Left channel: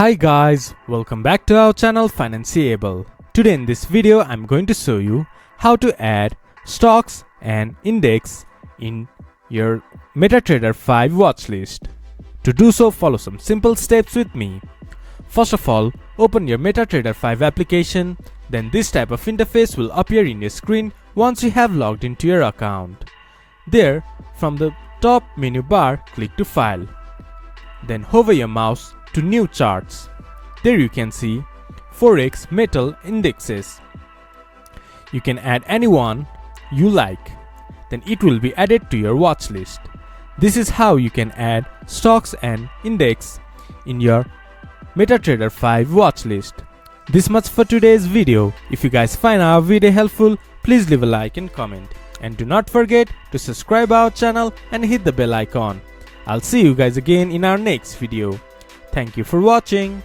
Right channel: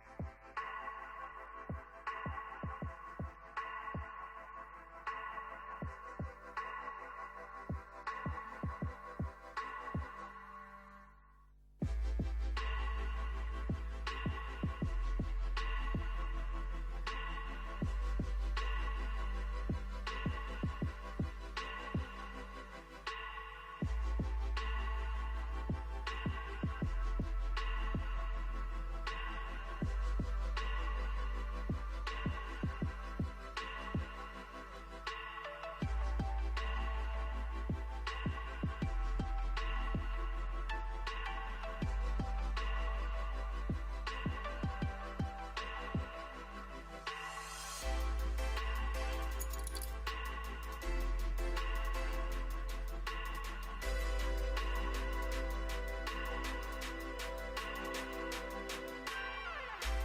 Hi guys, welcome back to our channel Financeable. Today in this video I'm going to show you how to add stocks and index in your MetaTrader 5 watchlist. To do so, follow some simple steps with me. First of all, open your MetaTrader 5 application, then this type of interface will appear in your screen once you have logged into your account. There, from the top menu bar, click to File. Then hover your mouse to New Charts. There you can see Forex Metal Indexes. You can add any one you like. Then it will be added to your watch list. This is how you can add stocks and index in your MetaTrader 5 watch list. This much for today's video. If you guys find our video helpful, please leave a like and comment. And do not forget to subscribe our channel and hit the bell icon. I'll see you guys again in our next video. Thank you for watching.